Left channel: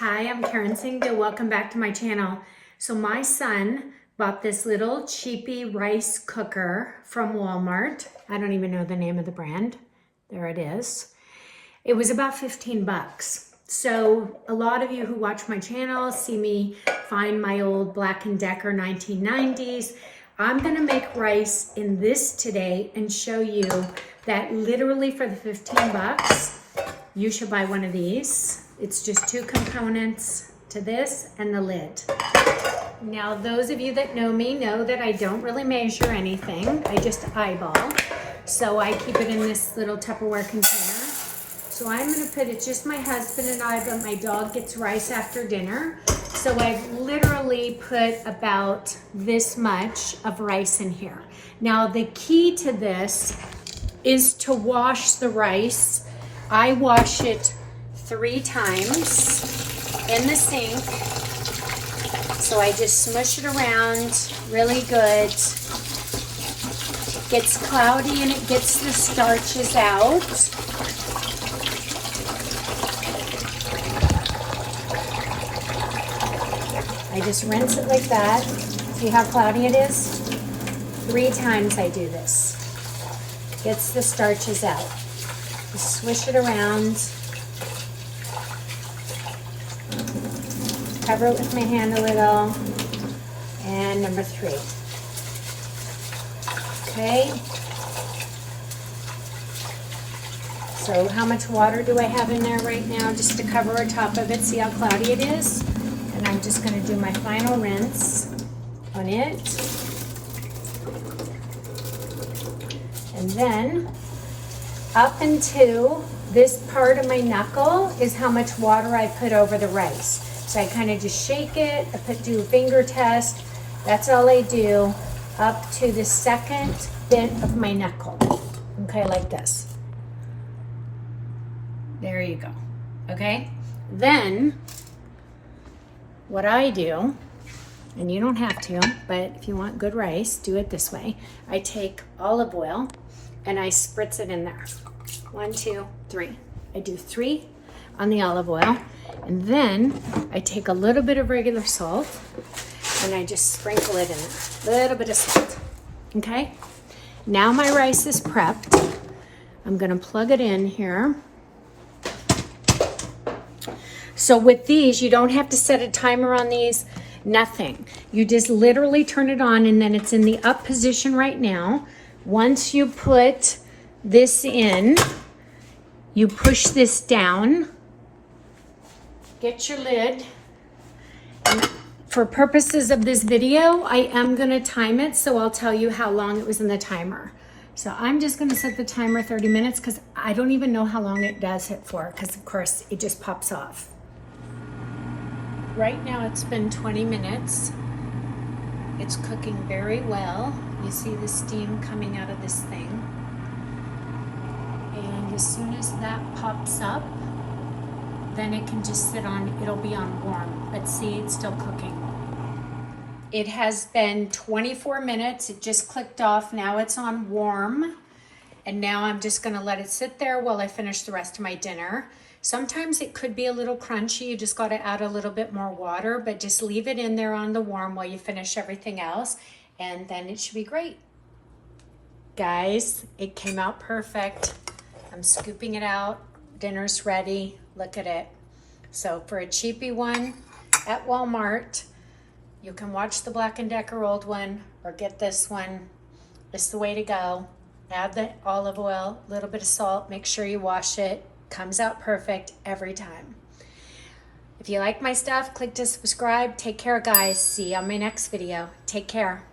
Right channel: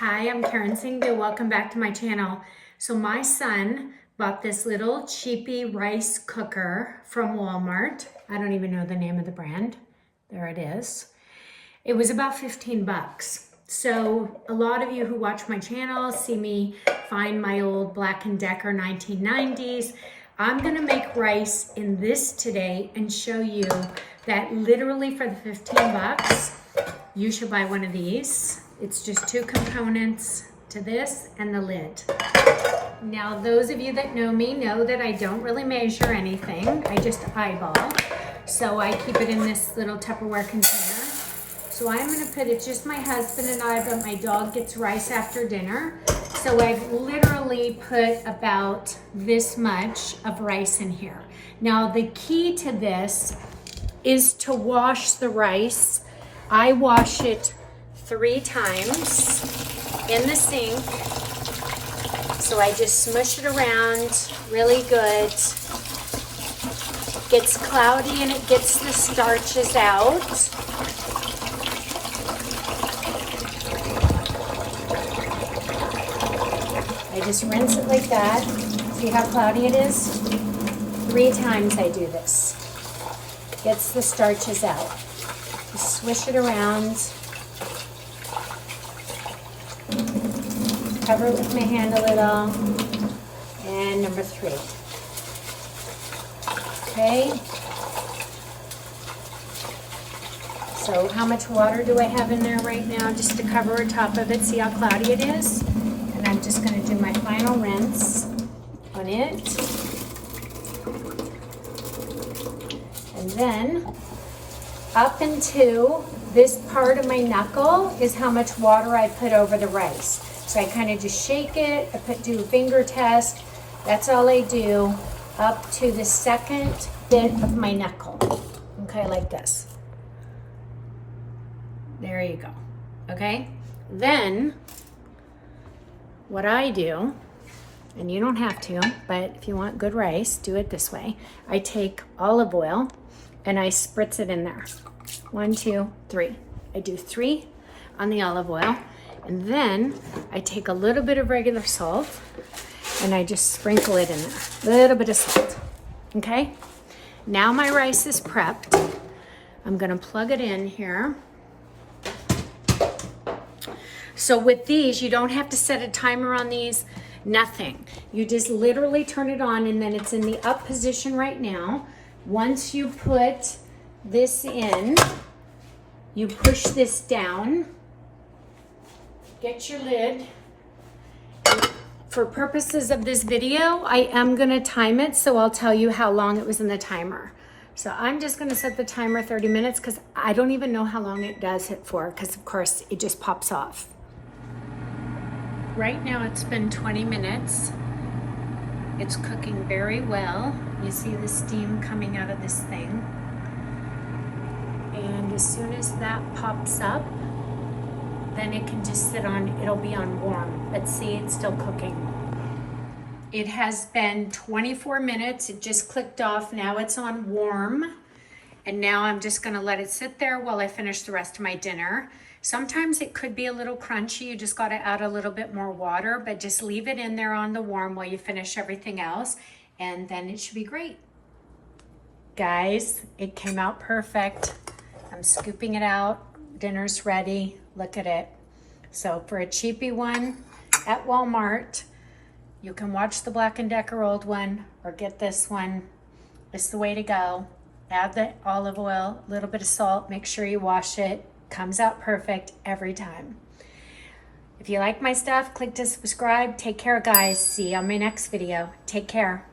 Hi, I'm Karen Singh. Welcome back to my channel. So my son bought this little cheapy rice cooker from Walmart. I don't even know the name of the brand. There it is. It was about 15 bucks. So a lot of you who watch my channel see me find my old Black & Decker 1990s. I'm gonna make rice in this today and show you that literally for the 15 bucks, you should buy one of these. It's just two components to this and the lid. Now, those of you that know me know that I don't really measure anything. I just eyeball. So I keep it in this little Tupperware container. So I'm gonna put it, just my husband and I, but my dog gets rice after dinner. So I've literally put about this much of rice in here. Now, the key to this is to wash the rice. I wash it 3 times in the sink. So I just smush it around really good. It gets cloudy and it gets the starches out. I just rinse it like that. See how cloudy it is? 3 times I do this. Gets the starches out. Just swish it around. Cover it with my hand a little. And number 3. Okay. So how much water do I have in there right now just to cover on top of it? See how cloudy it is? And I'm just going to do my final rinse on it. And then up into this part of my knuckle is how much water I put over the rice. So I kind of just shake it, do a finger test. That's all I do up to the second bit of my knuckle. Okay, like this. There you go. Okay, then what I do, and you don't have to, but if you want good rice, do it this way. I take olive oil and I spritz it in there. 1, 2, 3. I do 3 on the olive oil. And then I take a little bit of regular salt and I just sprinkle it in there. A little bit of salt. Okay? Now my rice is prepped. I'm gonna plug it in here. So with these, you don't have to set a timer on these, nothing. You just literally turn it on and then it's in the up position right now. Once you put this in, you push this down. Get your lid. For purposes of this video, I am gonna time it, so I'll tell you how long it was in the timer. So I'm just gonna set the timer 30 minutes because I don't even know how long it does it for, because of course it just pops off. Right now it's been 20 minutes. It's cooking very well. You see the steam coming out of this thing. And as soon as that pops up, then it can just sit on, it'll be on warm. But see, it's still cooking. It has been 24 minutes. It just clicked off. Now it's on warm. And now I'm just gonna let it sit there while I finish the rest of my dinner. Sometimes it could be a little crunchy. You just gotta add a little bit more water, but just leave it in there on the warm while you finish everything else. And then it should be great. Guys, it came out perfect. I'm scooping it out. Dinner's ready. Look at it. So for a cheapy one at Walmart, you can watch the Black & Decker old one or get this one. It's the way to go. Add the olive oil, a little bit of salt, make sure you wash it. Comes out perfect every time. If you like my stuff, click to subscribe. Take care, guys. See you on my next video. Take care.